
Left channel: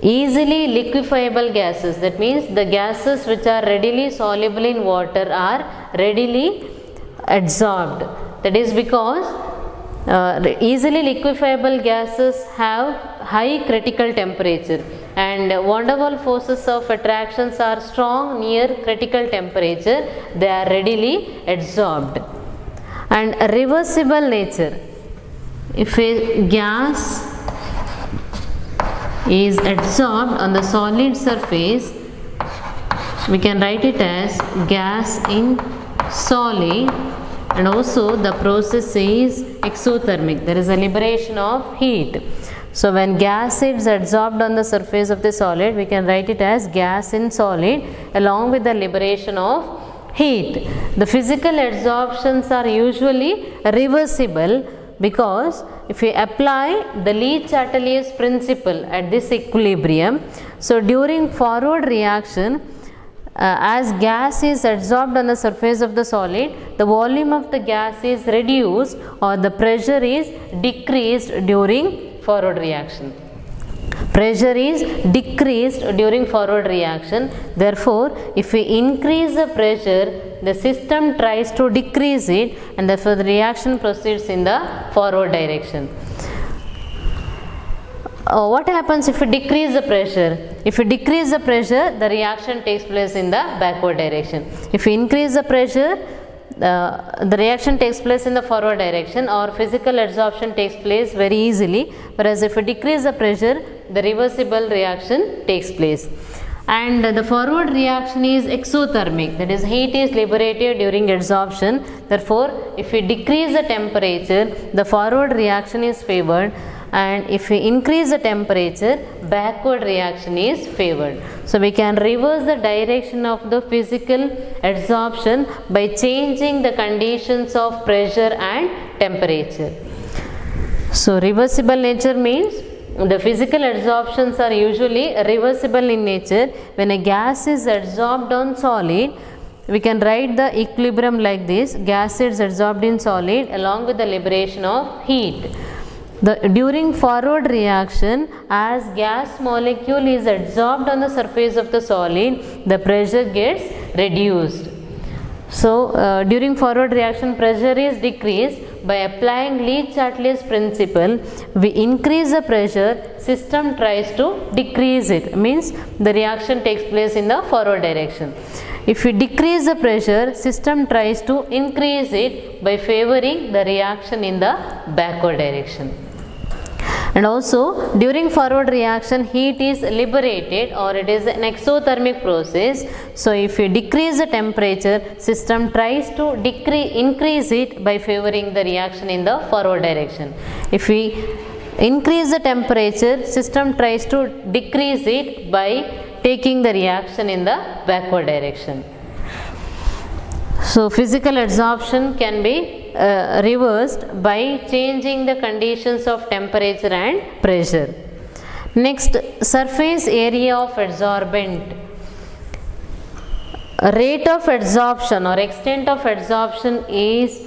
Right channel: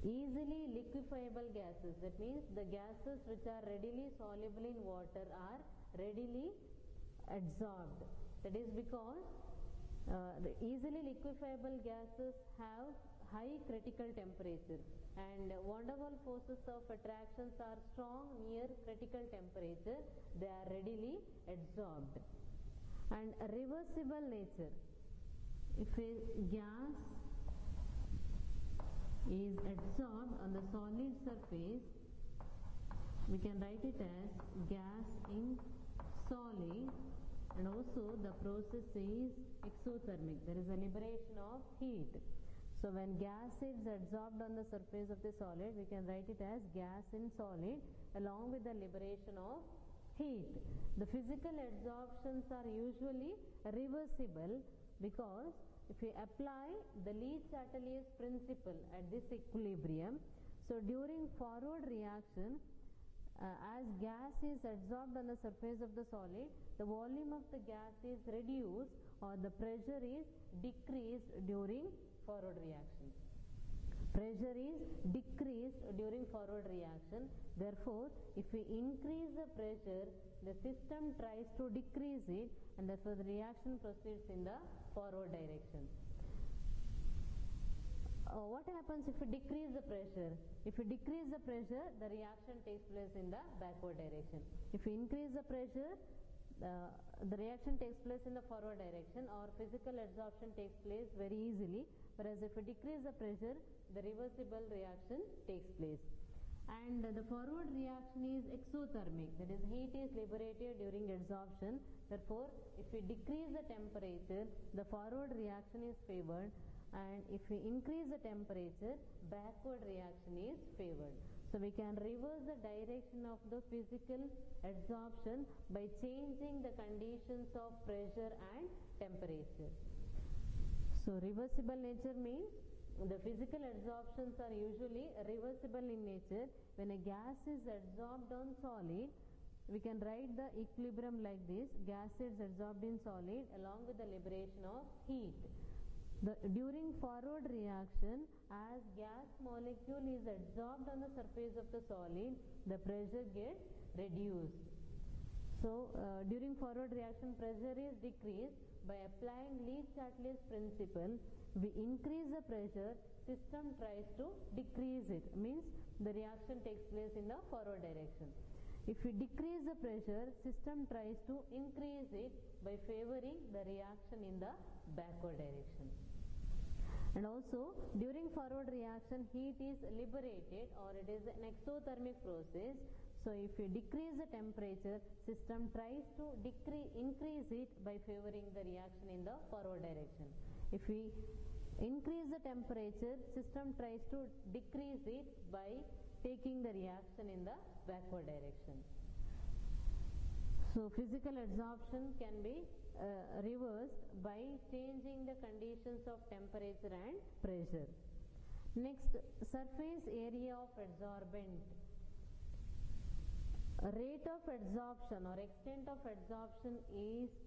easily liquefiable gases, that means the gases which are readily soluble in water are readily adsorbed. That is because easily liquefiable gases have high critical temperature, and van der Waals forces of attractions are strong near critical temperature, they are readily adsorbed. And reversible nature, if a gas is adsorbed on the solid surface, we can write it as gas in solid, and also the process is exothermic, there is a liberation of heat. So when gas is adsorbed on the surface of the solid, we can write it as gas in solid along with the liberation of heat. The physical adsorptions are usually reversible, because if we apply the Le Chatelier's principle at this equilibrium, so during forward reaction, as gas is adsorbed on the surface of the solid, the volume of the gas is reduced or the pressure is decreased during forward reaction. Pressure is decreased during forward reaction. Therefore, if we increase the pressure, the system tries to decrease it, and therefore the reaction proceeds in the forward direction. What happens if we decrease the pressure? If we decrease the pressure, the reaction takes place in the backward direction. If we increase the pressure, the reaction takes place in the forward direction, or physical adsorption takes place very easily, whereas if we decrease the pressure, the reversible reaction takes place. And the forward reaction is exothermic, that is heat is liberated during adsorption. Therefore, if we decrease the temperature, the forward reaction is favored, and if we increase the temperature, backward reaction is favored. So we can reverse the direction of the physical adsorption by changing the conditions of pressure and temperature. So reversible nature means the physical adsorptions are usually reversible in nature. When a gas is adsorbed on solid, we can write the equilibrium like this: gas is adsorbed in solid along with the liberation of heat. During forward reaction, as gas molecule is adsorbed on the surface of the solid, the pressure gets reduced. So during forward reaction, pressure is decreased. By applying Le Chatelier's principle, we increase the pressure, system tries to decrease it, means the reaction takes place in the forward direction. If we decrease the pressure, system tries to increase it by favoring the reaction in the backward direction. And also during forward reaction, heat is liberated, or it is an exothermic process. So if we decrease the temperature, system tries to increase it by favoring the reaction in the forward direction. If we increase the temperature, system tries to decrease it by taking the reaction in the backward direction. So physical adsorption can be reversed by changing the conditions of temperature and pressure. Next, surface area of adsorbent. Rate of adsorption or extent of adsorption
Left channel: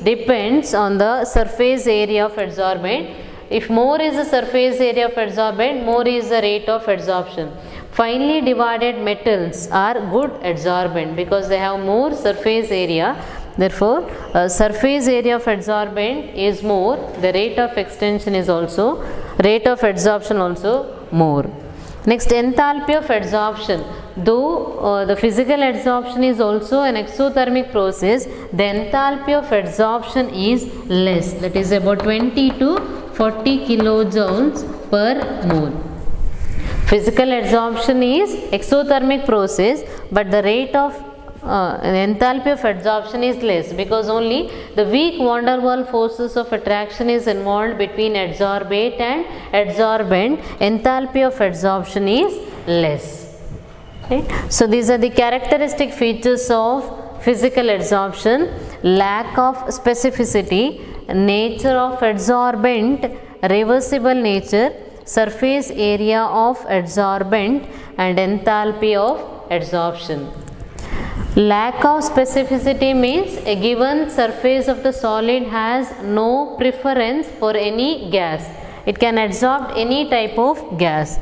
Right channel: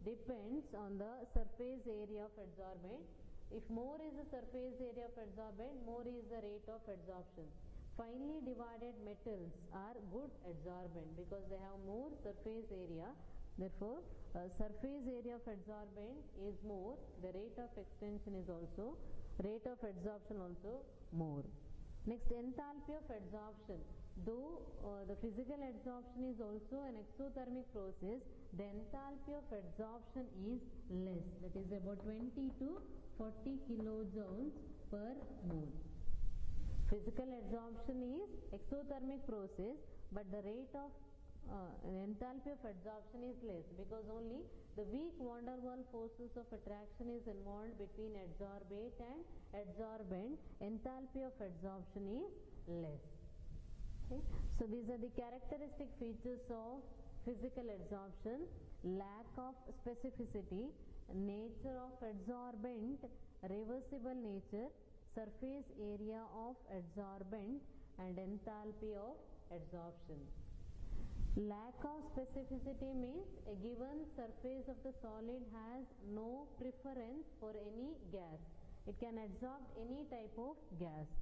depends on the surface area of adsorbent. If more is the surface area of adsorbent, more is the rate of adsorption. Finely divided metals are good adsorbent because they have more surface area. Therefore, surface area of adsorbent is more, the rate of extension is also, rate of adsorption also more. Next, enthalpy of adsorption. Though the physical adsorption is also an exothermic process, the enthalpy of adsorption is less, that is about 20 to 40 kilojoules per mole. Physical adsorption is exothermic process, but the rate of enthalpy of adsorption is less, because only the weak van der Waals forces of attraction is involved between adsorbate and adsorbent. Enthalpy of adsorption is less. Right? So these are the characteristic features of physical adsorption: lack of specificity, nature of adsorbent, reversible nature, surface area of adsorbent, and enthalpy of adsorption. Lack of specificity means a given surface of the solid has no preference for any gas. It can adsorb any type of gas.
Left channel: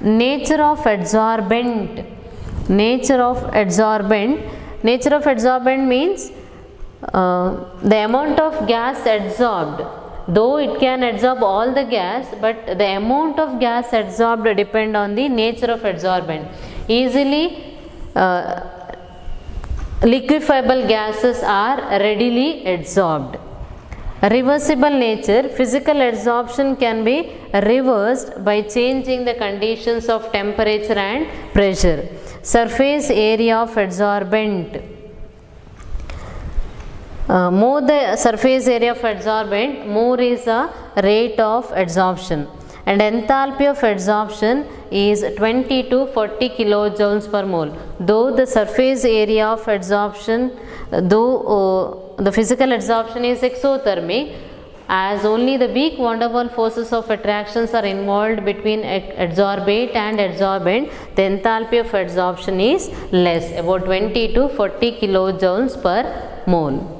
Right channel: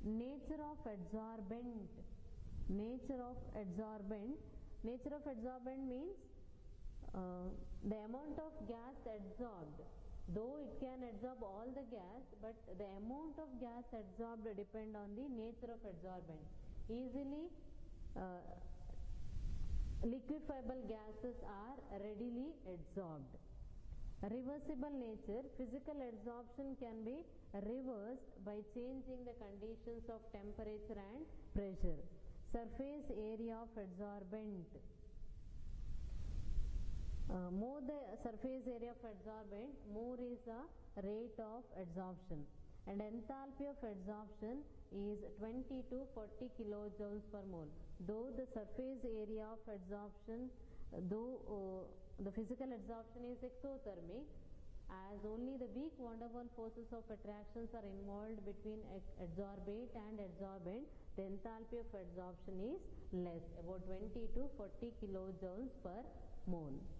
Nature of adsorbent. Nature of adsorbent. Nature of adsorbent means the amount of gas adsorbed. Though it can adsorb all the gas, but the amount of gas adsorbed depend on the nature of adsorbent. Easily liquefiable gases are readily adsorbed. Reversible nature. Physical adsorption can be reversed by changing the conditions of temperature and pressure. Surface area of adsorbent. More the surface area of adsorbent, more is the rate of adsorption. And enthalpy of adsorption is 20 to 40 kilojoules per mole. Though the surface area of adsorption, the physical adsorption is exothermic, as only the weak van der Waals forces of attractions are involved between adsorbate and adsorbent, the enthalpy of adsorption is less, about 20 to 40 kilojoules per mole.